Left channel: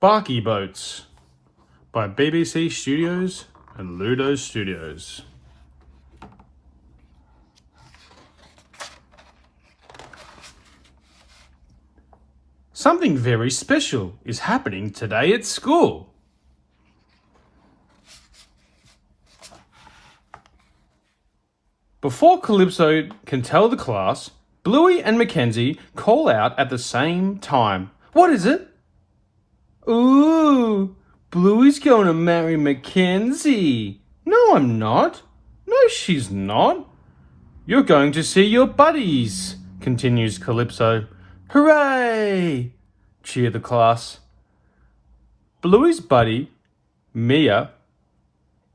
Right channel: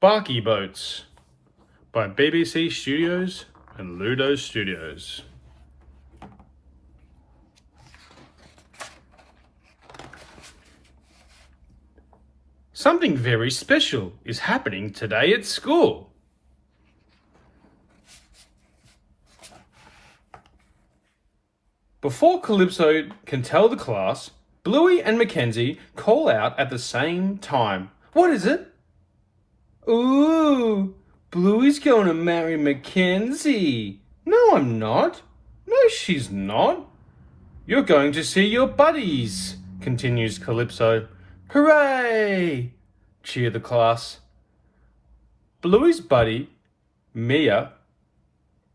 Barky Boats by BBC Studios and Ludo Studios. Something very special is happening today at school. Before Calypso can tell the class, Bluey and Mackenzie call out at the same time. What is it? Ooh, Bluey's going to marry Mackenzie. No, I'm not. No, she's not. You're going to see your buddies, continues Calypso. Hooray! Cheer the class. Bluey's buddy, Mia,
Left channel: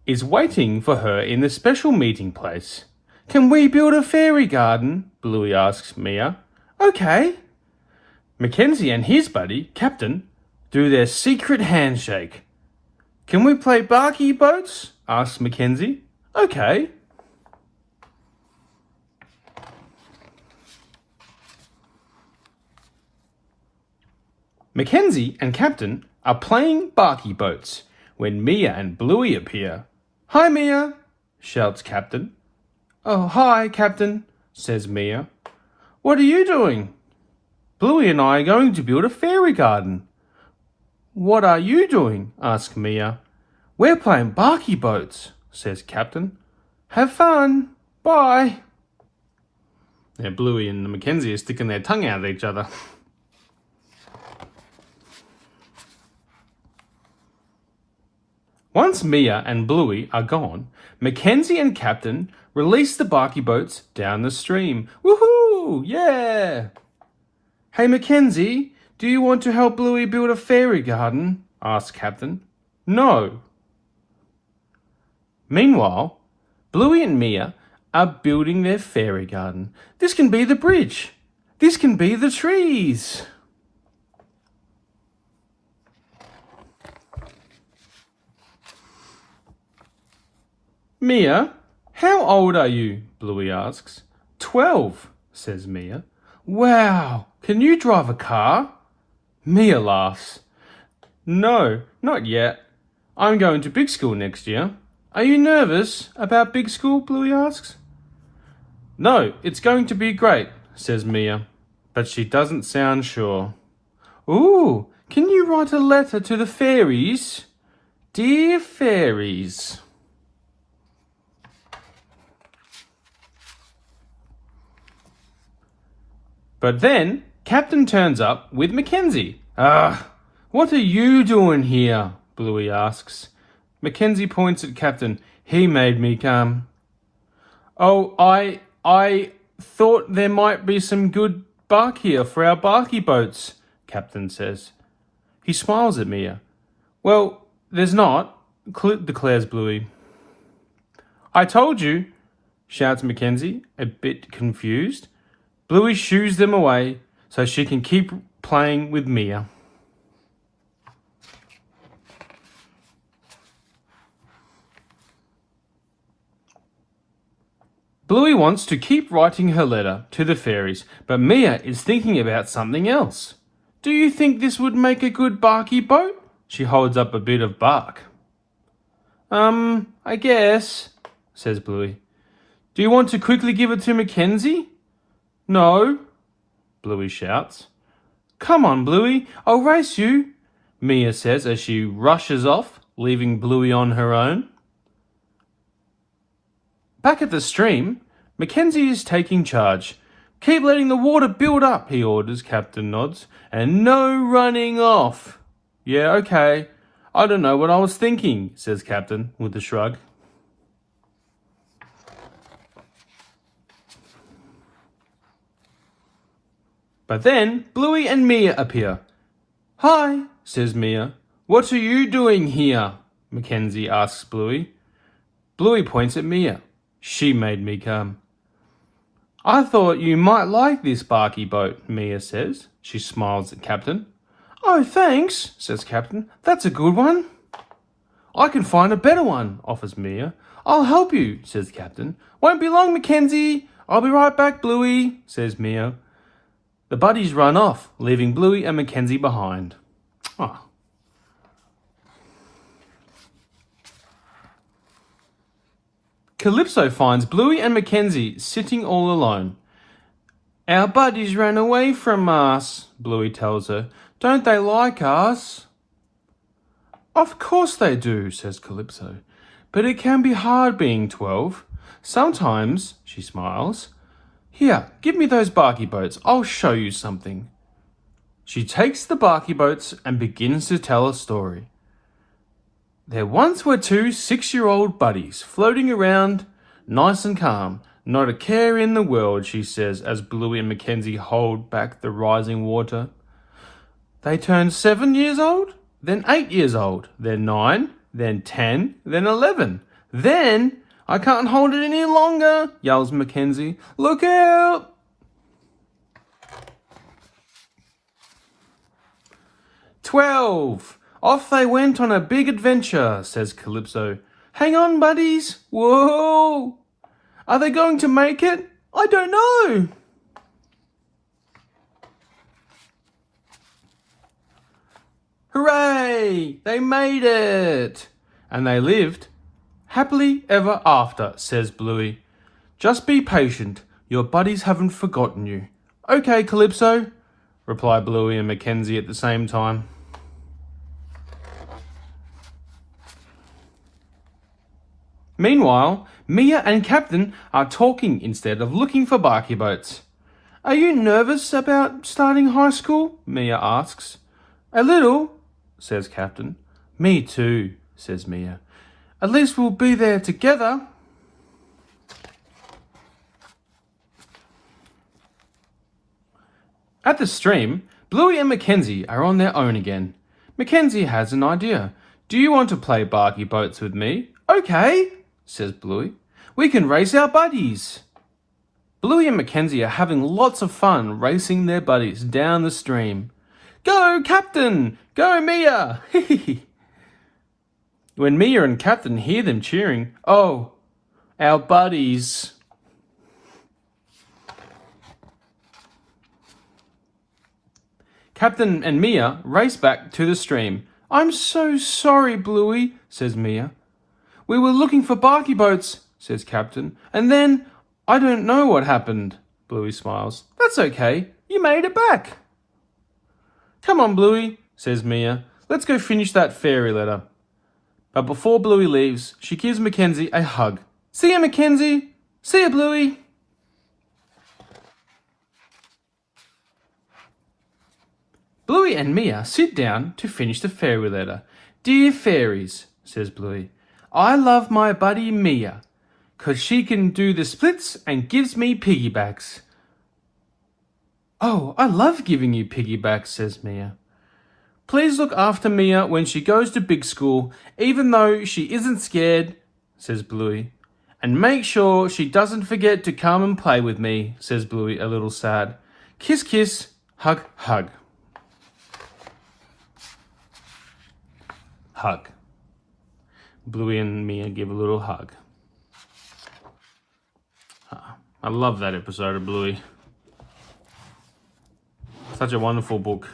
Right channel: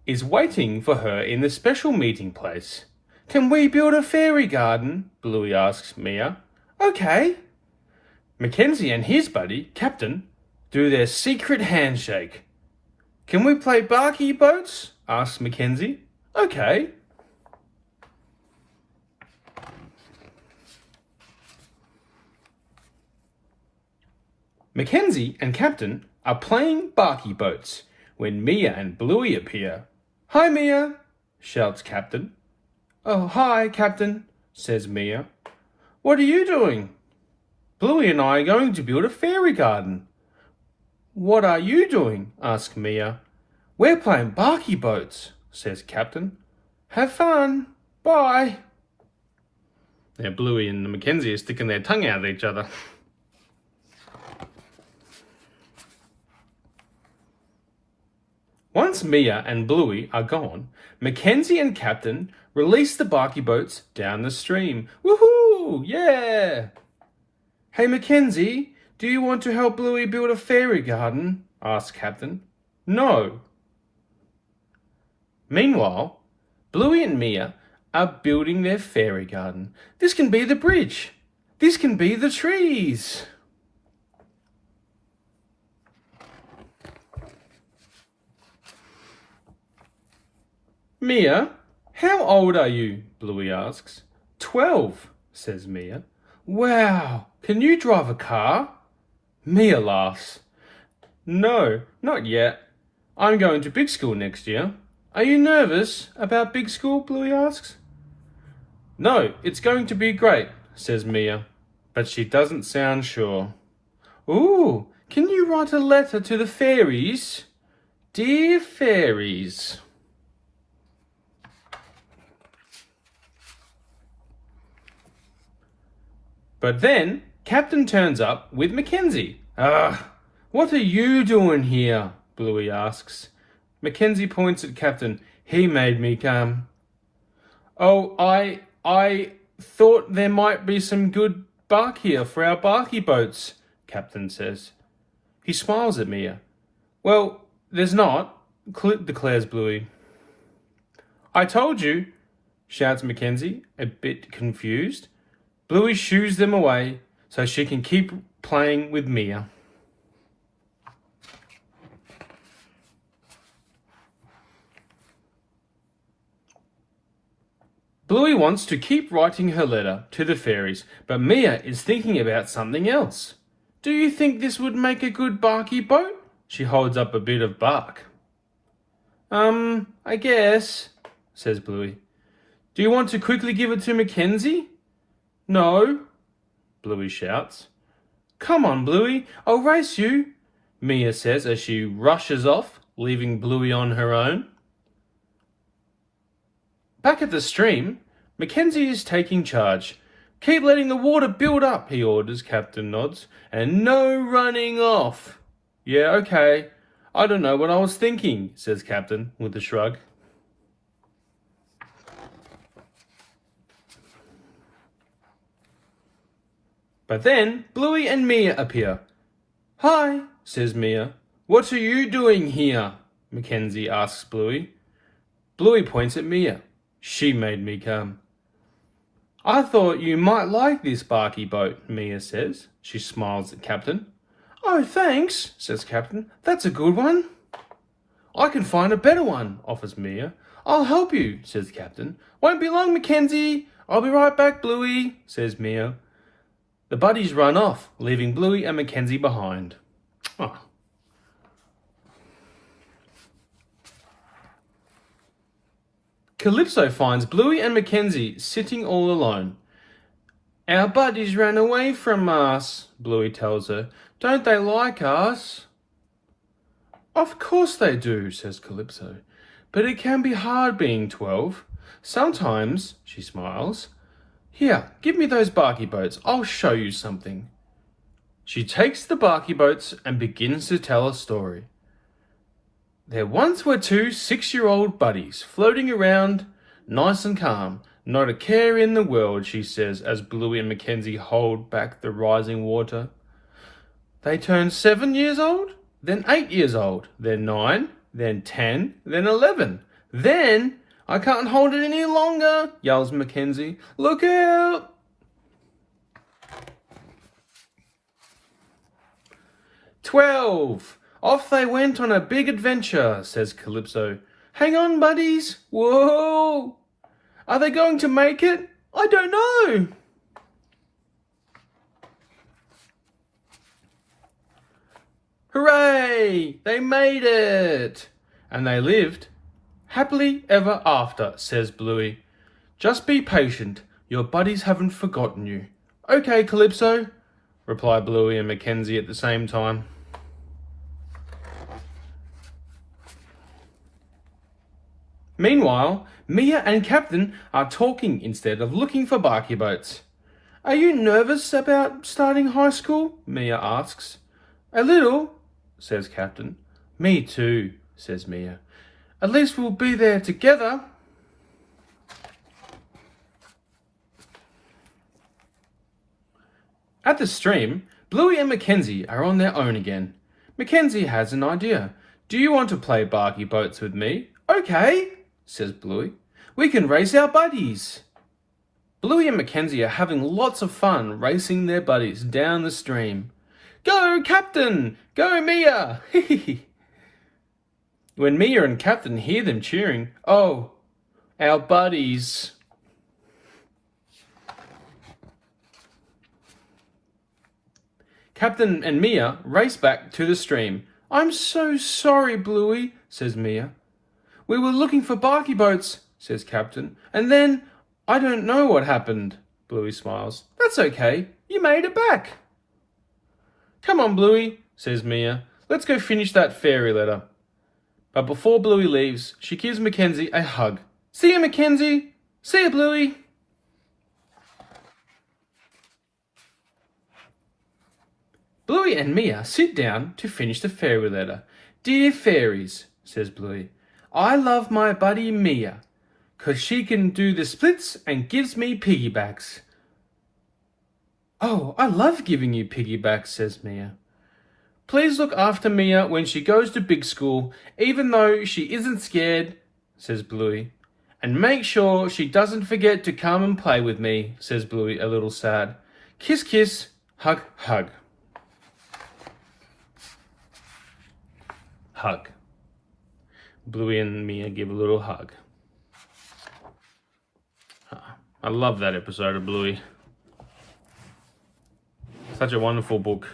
is waiting for her in the special meeting place. Can we build a fairy garden? Bluey asks Mia. Okay. Mackenzie and his buddy, Captain, do their secret handshake. Can we play Barky Boats? Asks Mackenzie. Okay. Mackenzie and Captain are playing Barky Boats when Mia and Bluey appear. Hi, Mia, shouts Captain. Oh, hi, Captain, says Mia. What are you doing? Bluey and I are going to build a fairy garden. What are you doing? Asks Mia. We're playing Barky Boats, says Captain. Have fun. Bye. Now Bluey and Mackenzie are sticking their tongue out at each other. Once Mia and Bluey are gone, Mackenzie and Captain release the Barky Boats down the stream. Woohoo! Yeah! Hey Mackenzie, do you want to help Bluey build a fairy garden? Asks Captain. No. Meanwhile, Bluey and Mia are building their fairy garden. This can be the bridge. This can be the trees. Mia, how old are you? Bluey asks. 12, says Mia. Wow, can you drive a car? Mia laughs. No, not yet. I'm going to big school next year. Are you nervous about big school? Bluey asks. No, it's going to be great, says Mia, but she doesn't sound sure. Ooh, can you write a letter to the fairies? Dear fairies. But then Captain turns up with Mackenzie. What are you doing here? Bluey asks. Mackenzie points at Captain. He made me come. Oh, I thought there might be some good bark here for our Barky Boats, Captain says. He smiles at Mia. Well, there's not, declares Bluey. I told you, shouts Mackenzie, a bit confused. Bluey shoos them away so she can keep playing with Mia. Bluey wants to keep writing her letter to the fairies, but Mia is thinking about something else. Do you think this would make a good Barky boat? She holds up a bit of bark. I guess, says Bluey. Do you want to quickly give it to Mackenzie? No, Bluey shouts. Come on, Bluey, I'll race you, Mia says as she rushes off, leaving Bluey on her own. Back at the stream, Mackenzie is taking charge. Keep letting the water build up, he orders. Captain nods. And no running off. Yeah, okay. I don't know what I was thinking, says Captain with a shrug. But then Bluey and Mia appear. Hi, says Mia. What are you doing here? Mackenzie asks Bluey. Bluey points at Mia. She made me come. I thought you might like this Barky boat, Mia says. She smiles at Captain. Oh, thanks, says Captain. That's a good one. I can find a better one, offers Mia. I'll help you, says Captain. Won't be long, Mackenzie. I'll be right back, Bluey, says Mia. The buddies run off, leaving Bluey and Mackenzie behind. Oh, Calypso finds Bluey and Mackenzie sitting all alone. Our buddies ran away from us, Bluey tells her. Don't they like us? Of course they do, says Calypso. But it can be hard being 12. Sometimes, she smiles. Here, give me those Barky boats. I'll show you something. She takes the Barky boats and begins to tell a story. There once were two 6-year-old buddies floating around, nice and calm. Not a care in the world, she says, as Bluey and Mackenzie hold back the rising water. They turned 7 years old, then 8 years old, then 9, then 10, then 11. Then, I can't hold it any longer, yells Mackenzie. Look out! "12. Off they went on a big adventure," says Calypso. "Hang on, buddies. Whoa! Are they going to make it? I don't know." "Hooray! They made it!" "And they lived happily ever after," says Bluey. "Just be patient. Your buddies haven't forgotten you." "Okay, Calypso," reply Bluey and Mackenzie at the same time. Meanwhile, Mia and Captain are talking instead of looking for Barky boats. "Are you nervous about starting high school?" Mia asks. "A little," says Captain. "Me too," says Mia. "At least we'll be there together." At the stream, Bluey and Mackenzie are on their own again. Mackenzie has an idea. "Do you want to play Barky boats with me?" "Okay," says Bluey. "We can race our buddies." Bluey and Mackenzie are having lots of fun racing their buddies down the stream. "Go, Captain! Go, Mia!" When Mia and Captain hear them cheering, "Oh, our buddies." Captain and Mia race back to the stream. "I'm so sorry, Bluey," says Mia. "We were looking for Barky boats," says Captain. "And then, I don't know what happened." Bluey smiles. "That's okay. You made it back." "Come on, Bluey," says Mia. "Let's go finish that fairy letter." But before Bluey leaves, she gives Mackenzie a hug. "See ya, Mackenzie. See ya, Bluey." Bluey and Mia sit down to finish the fairy letter. "Dear fairies," says Bluey, "I love my buddy Mia, 'cause she can do the splits and gives me piggybacks." "Oh, I love giving you piggybacks," says Mia. "Please look after Mia when she goes to big school, even though she isn't scared," says Bluey. "And make sure she doesn't forget to come and play with me," says Bluey, a little sad. "Kiss, kiss, hug, hug." Hug. Bluey and Mia give a little hug. I love that episode of Bluey. Such a wonderful book.